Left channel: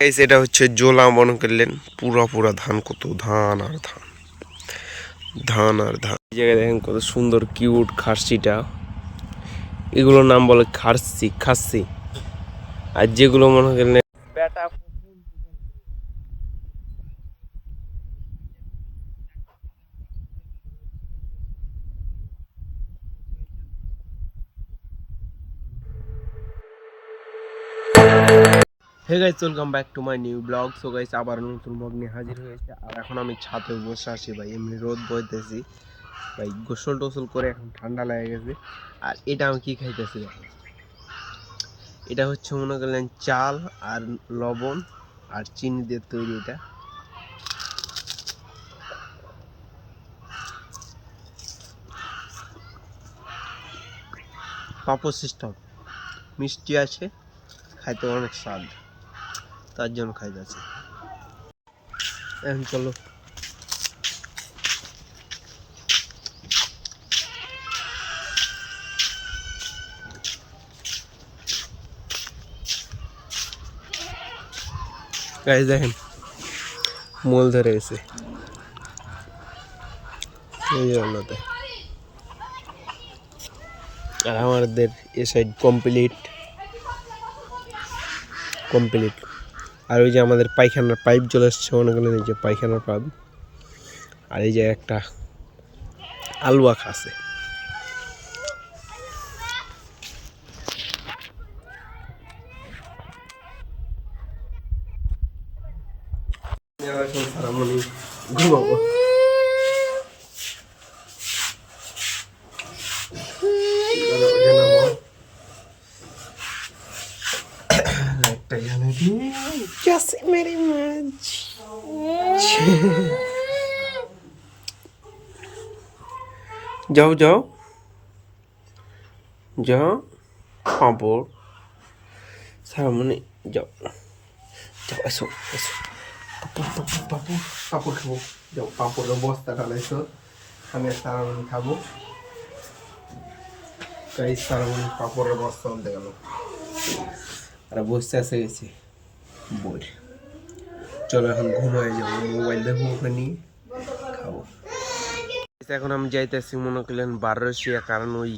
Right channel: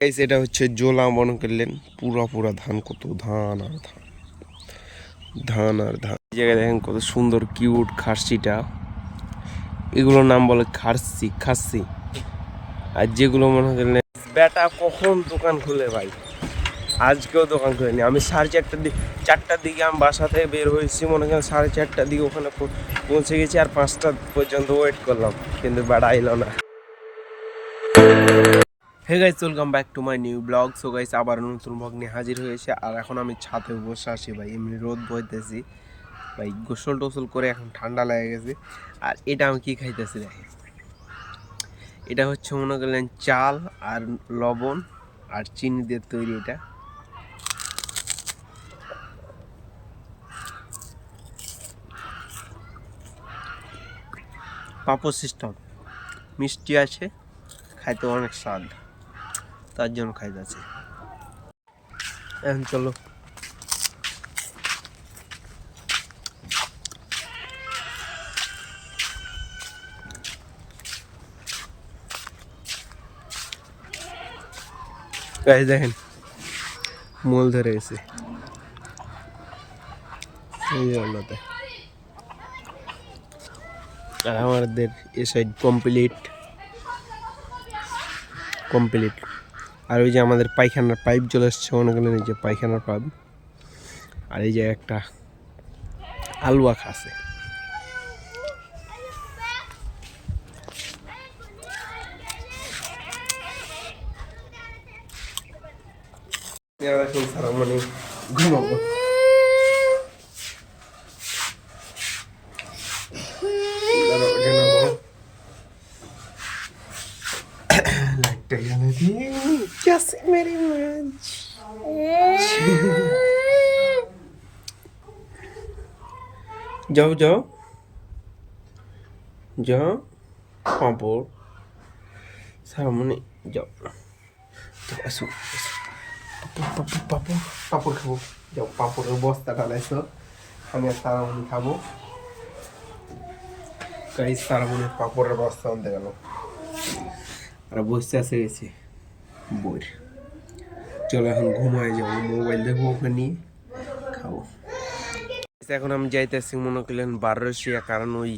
Guys এটা হচ্ছে জোলা মনে করলেন পুরা পুরা ধান, কত ধান আর ধান, ধান আর ধান। এই জায়গায় দেখেন কত সুন্দর কিউট খাসিটা, এগুলোর নাম বলে খাসি। আর যেগুলো মনে করলেন বেটা কখন দোকান খুলে ভাই, আজকেও দোকান খুলেনি। আমি 4টার দিকে আমি বাসা থেকে বের হয়েছি, মনে করেন 4:30টার দিকে ওখানে পৌঁছে গেছি, আর 5টা পর্যন্ত ওয়েট করলাম, কিন্তু বেড়া এলো না। Hey guys, welcome back to my new blog. So guys আবার নতুন ব্লগ নিয়ে হাজির হয়েছে। আর এখন আমি ছাদে বসে আছি ভাই, এমনি রোদ বইতেছি ভাই, গোসল টোসল করে এখন ঠান্ডা লেগে গেছে। আর এটা আমি কি খাইতেছি দেখেন, এটা হচ্ছে মনে করলেন চাল আর লবণ আর চিনি দিয়ে তৈরি। এটা পাপড় সিস্টেম, মিষ্টি আছে, খাইতে অনেক স্বাদ, তার জন্য খাইতেছি। এখন চলো গাইস, দেখেন মোল ধরে গেছে এই জন্যতে। আর আমাদের এ সাইড কমপ্লিট। আর ওই যে আমাদের পায়খানার পাইপ চলে এসছে, মনে করলেন এই যে পায়খানার পাইপ। আর এই যে একটা আলু আখা আছে। এখন সারা মানে ঘুমাবো। লাইটটা জ্বালিয়ে দিই। Just very much. যাও যাও যাও, পাঁপড় সামনে যাও যাও, আসো আসো, পাঁপড় খাবো। যাও, পাঁপড়ের বস্তা ঢালাইছো, আমি আর তারামণি খাবো। গাইস তারামণি পাঁপড়ের বস্তা আনতে গেল, আর বসতে এসে গেছি বই। চলো এখন ঘুমায় যাবো, মোবাইল দেখবো, ওখানে নিয়ে খাবো। এখন আমি যাইতেছি মনে করলেন বারোশিয়া, কারণ ওই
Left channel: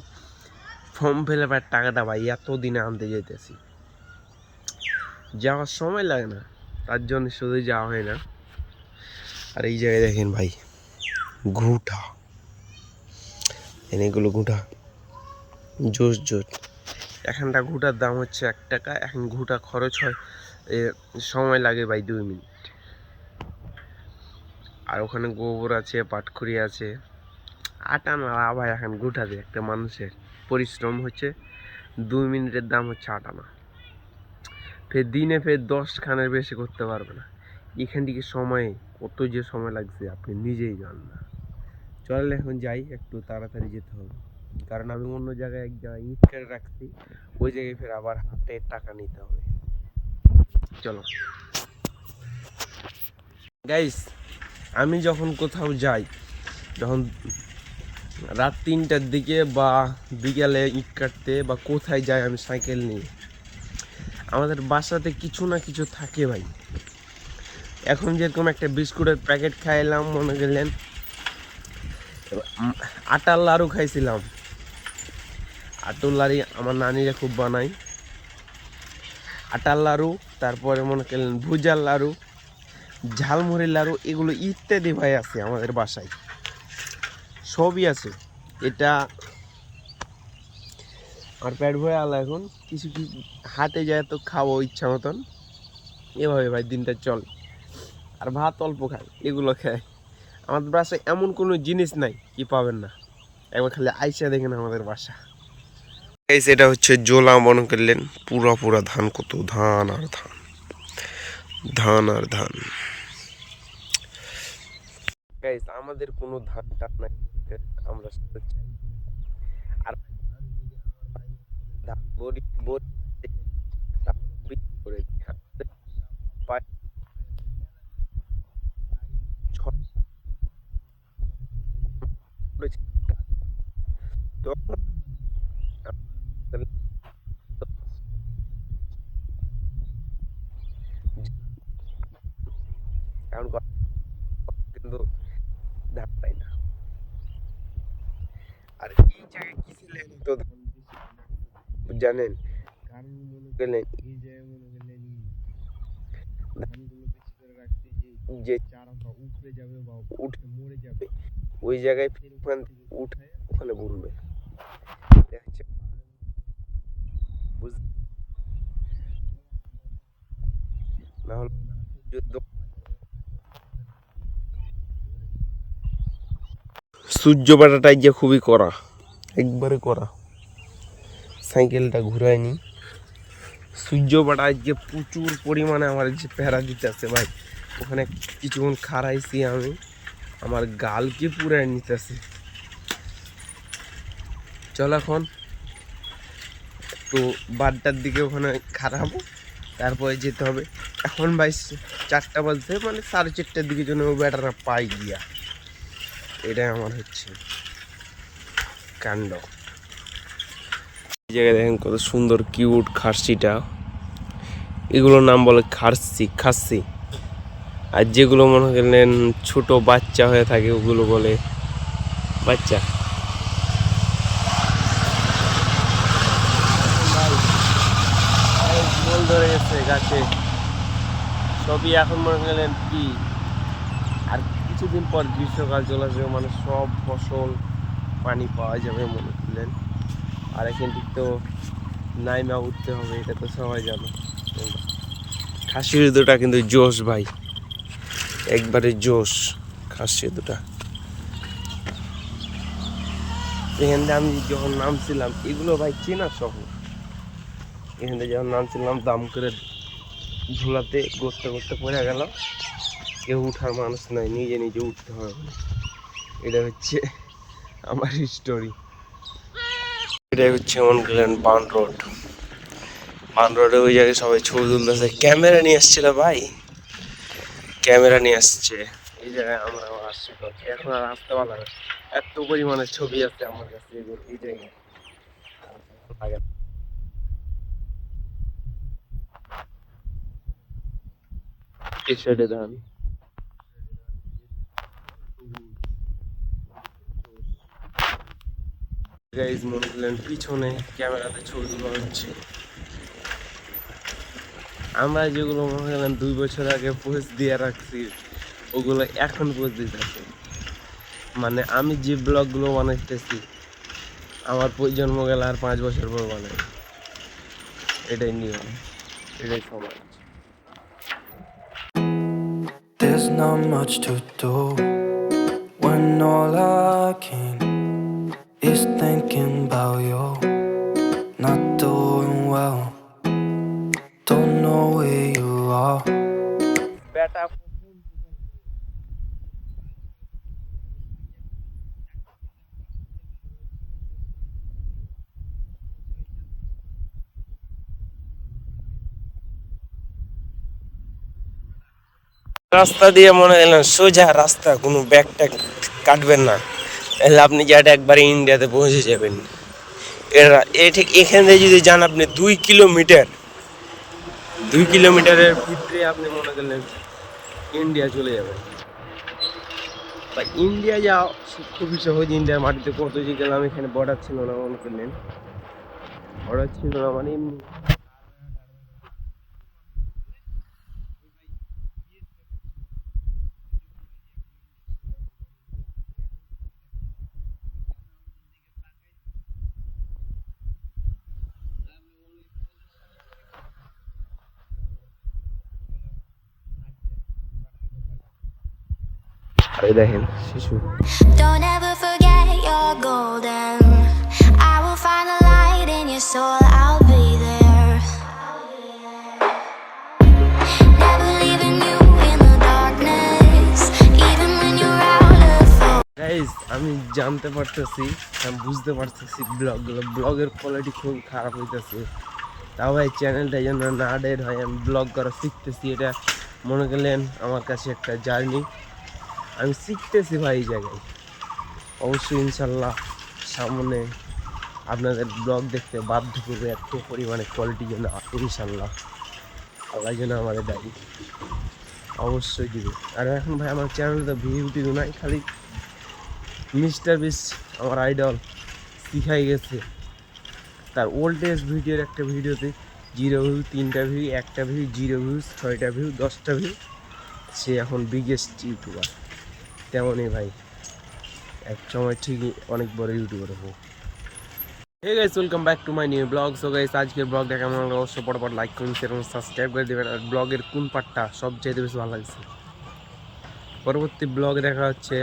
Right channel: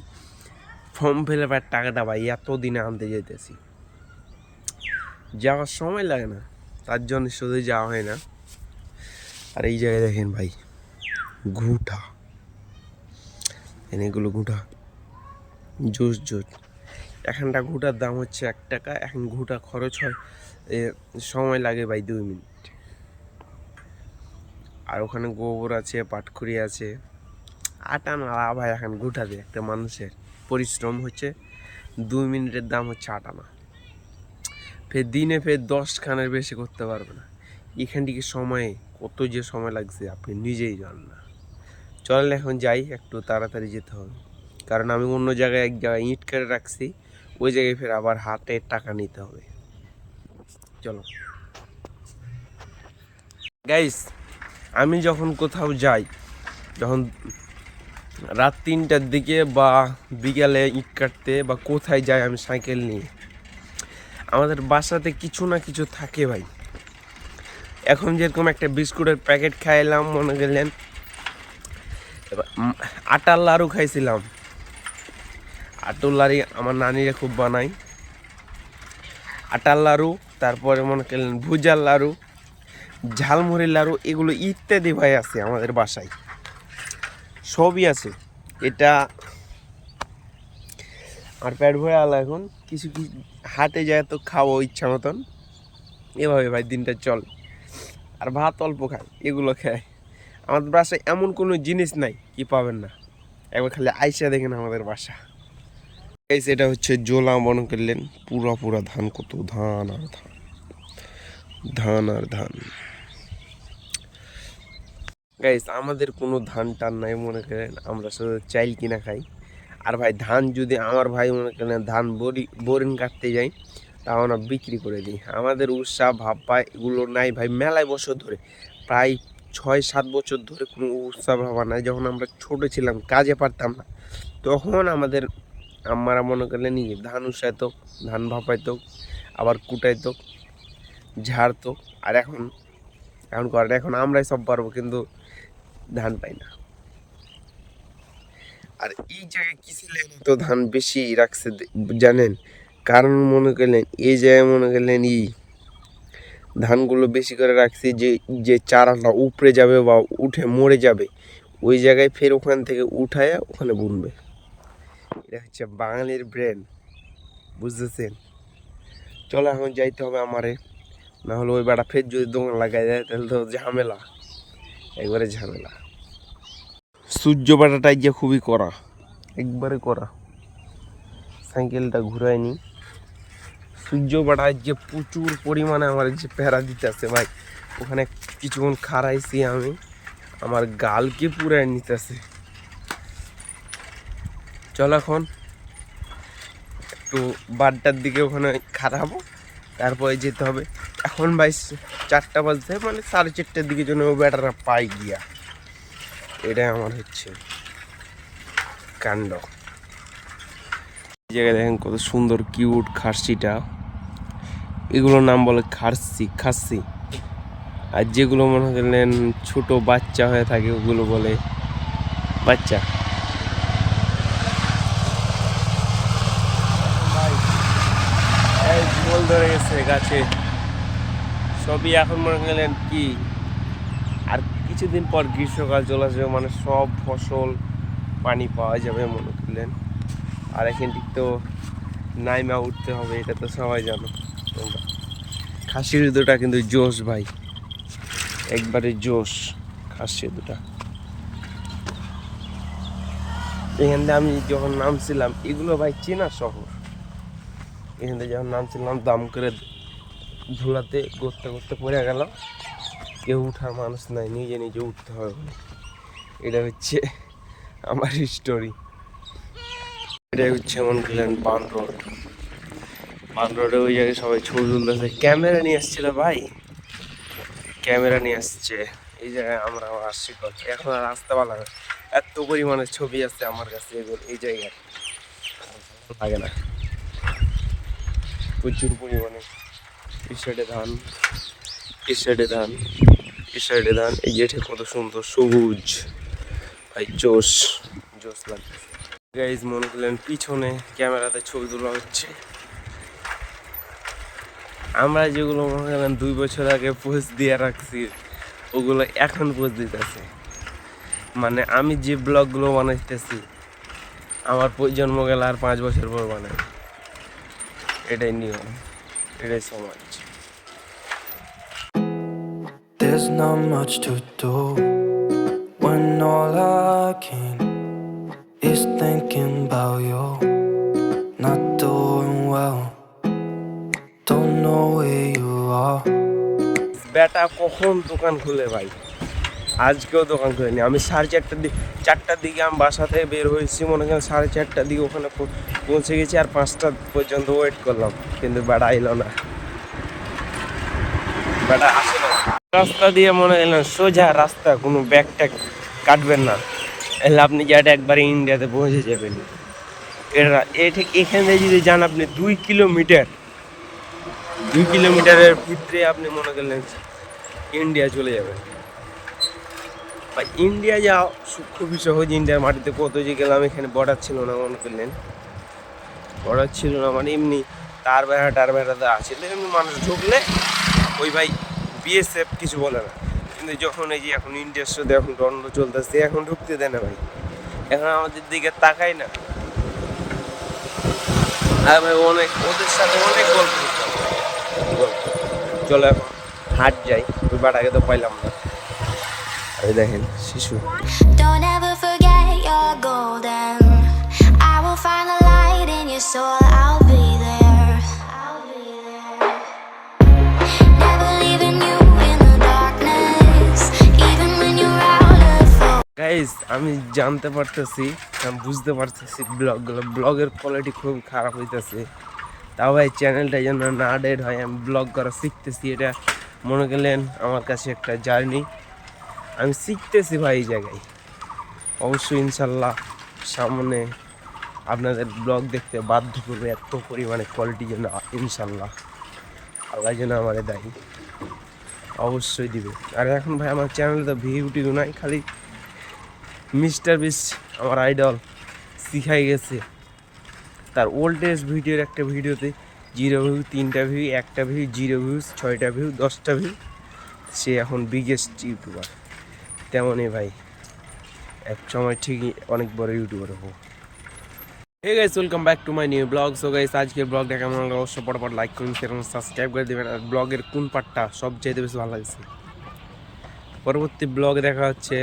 ফর্ম ফিল আপের টাকাটা ভাই এতদিনে আনতে যাইতেছি, যাওয়ার সময় লাগে না, তার জন্য শুধু যাওয়া হয় না। আর এই জায়গায় দেখেন ভাই ঘুঁটা, এগুলো ঘুঁটা জোস। এখানটা ঘুঁটার দাম হচ্ছে 1 টাকা। এখন ঘুঁটা খরচ হয়, সময় লাগে ভাই 2 মিনিট। আর ওখানে গোবর আছে, পাটখড়ি আছে, আটা না ভাই, এখন ঘুঁটা দিয়ে একটা মানুষের পরিশ্রম হচ্ছে 2 মিনিটের দাম হচ্ছে 8 আনা। ফের দিনে 10 খানের বেশি করতে পারবে না। এখান থেকে সময়ে কত যে সময় লাগছে আপনি নিজেই জানেন না। চলেন এখন যাই, একটু তাড়াতাড়ি যেতে হবে, কারণ আমি অন্য জায়গায় এক জায়গায় ইট করে রাখছি, ওই জায়গায় ফের আবার হাতে টাকা নিতে হবে। চলো গাইস, আমি যখন কোথাও যাই, যখন রাত 3টার দিকে বা বিকালে ইট কাটতে বা কোথায় যাই আমি সাইকেল নিয়ে, আমাদের বাসাতে কিছু না কিছু থাকে ভাই। এখন যেরকম একটা বিস্কুটের প্যাকেট খাইলাম, মনে করলেন আটার লাড়ু খাইছিলাম। আটার লাড়ি আমার নানিরা খুব বানায়, আটার লাড়ু, তারপরে মনে করলেন ভুজার লাড়ু, ঝালমুড়ির লাড়ু, এগুলো ইত্যাদি ভাই আছে আমাদের বাসায়, সবই আছে। এটা আর পেট ভরে আলা, এখন কিছু কি হাটে যায় তো খাবো ইচ্ছা মতন, এভাবে ভাই দিনটা চল। আর ভাত অল্প খাই, এগুলো খায়। আমাদের বাসায় এমন কোনো জিনিস নাই কি পাবেন না, একবার খালি আইসা দেখেন আমাদের বাসা। এটা হচ্ছে জোলা মনে করলেন পুরা পুরা ধান, কত ধান আর ধান, ধান আর ধান। গাইস আমাদের কোনো ধান টান নাই, মনে করেন আমরা শুধু চাইল কিনা খাই। আর ভাই ধান যদি আমার ভাই মনে করেন ধান বোরিং কাটতে যাই, তাও না বিক্রি করে দিই। আমাদের উৎসাহ ভাববা এগুলো নাই ভাই, মেলায় বছর ধরে, প্রায় 6-7 বছর ধরে কোনো উৎসাহ ভাবা নাই। যখন আমরা ছোট ছিলাম, কাজে পারতাম না, তখন আমাদের আম্মারা মনে করলেন ধান উসাইতো, ধান ভাপাইতো, আবার কুটাইতো। ঝাড়তো। আর এখন এখন করে, এখন আমরাই সব পারবো, কিন্তু ধান পাই না। আর এই জায়গায় কিসের তো ধান বেশি রাখছে জানেন? কারণ মনে করলেন এই জায়গায় মনে করলেন ধানগুলো বেশি করে রাখছি, যে যে চারাটা উপড়ে যাবে বা উঠে মরে যাবে, ওই জায়গায় ফের ওখান থেকে উঠায়া ওখানে বুনবে। এটা হচ্ছে বাঙালির ব্রেন, বুঝতেছেন? চলো এখন যাইতে হবে আমারে, না হলে ওই বেড়া ফের যদি দোকান লাগাই যায় তাহলে তো ঝামেলা, একবারে ঝামেলা। সূর্য বাটাটাই যে খুবই কড়া, একবারে কড়া। সাইকেলটা ঘুরায়নি। সূর্য বাটায় যে প্রচুর পরিমাণে আমার যে প্যারা দিতেছে ভাই, ওখানে কিছুক্ষণ খাড়াইছি আমি, আমার গালকে পুরাই নিতেছে। চল এখন একটু বাড্ডার দিকে ওখানে খারাপো, তারপরে যেতে হবে। এখন ভাই 4টা বাজতে, মানে 4:30টার দিকে জন্য ও বেটারা পাই গিয়া। এটাই আমার হচ্ছে কাণ্ড। এই জায়গায় দেখেন কত সুন্দর কিউট খাসিটা, এগুলোর নাম বলে খাসি। আর যেগুলো মনে করলেন ছোট বাচ্চা হয়ে থাকে ওগুলো বলে বাচ্চা। বল ধরে গেছে গাছে সবই, এখন মনে করলেন কি আর কিছুদিন পর গ্রীষ্মকাল চলে আসবে, মানে সব ফসল পানি পাওয়া যাবে মনে করলেন। আর এখান থেকে তো নাইমা উঠতে হবে, এটা তো সবাই জানো তোমরা। খাসির দুটা কিন্তু জোশ ভাই, একবারে জোশ খাসির দুটা। এখানে আমি যখন নামছিলাম, এগুলো ভাই চেনা শহর, এখানে যখন নামছিলাম দাম করে ঝুলাতে করতে করতে পড়ে গেল, কেউ উঠার মানুষ নাই, নিজে নিজে উঠতে হবে। এটা হচ্ছে আমার স্টোরি। এটাই হচ্ছে মনে করলেন বান রোডে ওই জায়গায় সবাই ছবি তুলতেছে, ক্যামেরা নিয়ে আসছিল ভাই, ক্যামেরা নিয়ে আসছে। এই জায়গায় আমরা আসছি, এখন আর আসতে পারলাম না, এত পরিমাণে ছবি আছে আমার কাছে এই জায়গায়, লাগে না প্রচুর পরিমাণে। এই সাইডে ধান, এই সাইডে ধান, এই সাইডে ধান, এই যেটা কত সুন্দর সবুজ ভাই, জোশ জোশ লাগছে। গাইজ মনে করলেন পিছনে ক্যামেরাতে ছবি তোলা হচ্ছে, আমরা যেগুলো মনে করলেন 2 বছর আগে পোস্ট দিয়ে রাখছি ওগুলো এখন পোস্ট দিতেছে। মানে আমি যে ব্লগগুলো বানাইতেছি আমার প্রজন্ম গেলে আর 5 বছর পর বানাই, এটাই নিয়ম, এটাই সমাজ। There's not much to do when all I can is thinking about you. Not doing well, don't know where you are. বেটা কখন দোকান খুলে ভাই, আজকেও দোকান খুলেনি। আমি 4টার দিকে আমি বাসা থেকে বের হয়েছি, মনে করেন 4:30টার দিকে ওখানে পৌঁছে গেছি, আর 5টা পর্যন্ত ওয়েট করলাম, কিন্তু বেটা আইলো না, বেটা আসে না। রাস্তা দিয়ে মনে করেন সোজা রাস্তা, কোনো ব্যাগ ট্যাগ কাটবেন না, এলে আপনি যেটা একবারে ইন্ডিয়াতে পৌঁছে যাবেন। ঠিক এখান থেকে যদি যান আপনি 2 কিলোমিটারের ভিতরে আপনি মনে করলেন ইন্ডিয়া চলে যাবেন। বা ইন্ডিয়া যাও খুবই সহজ, ইন্ডিয়ার মাটিতে কত যে গেলাম, এখানে বর্ডার ছিল না মনে করলেন, বর্ডার ছিল না, মানে এমনি টার বেড়াতে আছে, এমনি মানুষ ঢুকলে ওই ভাই বিএসএফ কিছু বলে না। কিন্তু যখন এই যে এখন ইন্ডিয়ার সাথে এখন দ্বন্দ্ব চলতেছে, এখন ঢুকতে দেয় না ভাই, এখন আমাদের দিকে তাকাই না। আর ভাই অনেক ওদের সাথে অনেক গল্প চলো এখন হাট যাই, ওই বাটাকে তো পাইলাম না। আরে দেখেন শিশু। Don't ever forget you're golden. I will find the light in your soul. I'll be there. Never leaving you in the darkness, even when you're out of focus. Guys আমি জানতে পারতেছি, আমি বুঝতে পারতেছি ব্লগের কোয়ালিটি খুব খারাপ হইতেছে। তাও ভাই চ্যানেলটা যেন না ডেড হয়, আমি ব্লগ করা শিখতেছি, এটা মনে করলেন আমার কাছে একটা জার্নি, আমি শিখতেছি ভাই এই জায়গায়। অবশ্যই ইনশাল্লাহ সামনে আপনাদের ব্লগ দেখতে বাধ্য করবে, এত পরিমাণে কোয়ালিটি যেন ইনশাল্লাহ আল্লাহ যেন আমাদের দায়ী অবশ্যই দিবে। আর এখন ভাই আমার চ্যানেলে তো ভিউ টিউ নাই, খালি মিস্টার বিস্ট আমার আইডল শিখাই গেছে তার ওল্ডেস্ট ভিডিওর একটা ভিডিওতে 0 ভিউ, 3টা ভিউ, 1টা ভিউ, 0 ভিউজ, 6টা ভিউ, 10টা ভিউ। সে এখন বিগেস্ট ইউটিউবার। তেমনই ভাই এক সময় ঠিকই অনেক বড় ইউটিউবার হবো। Hey guys, welcome back to my new blog. So guys, আজকের ব্লগটা কেমন লাগলো অবশ্যই পরপর লাইক করুন, শেয়ার করুন, সাবস্ক্রাইব করে দেবেন। আর ব্লগের কোন পার্টটা সবচেয়ে বেশি ভালো লাগছে পরবর্তী ব্লগে দেখা হচ্ছে।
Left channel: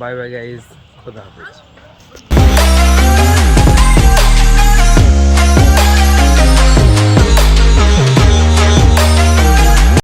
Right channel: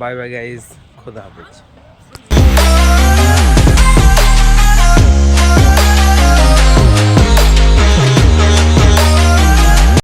বাই বাই গাইস, খোদা হাফেজ।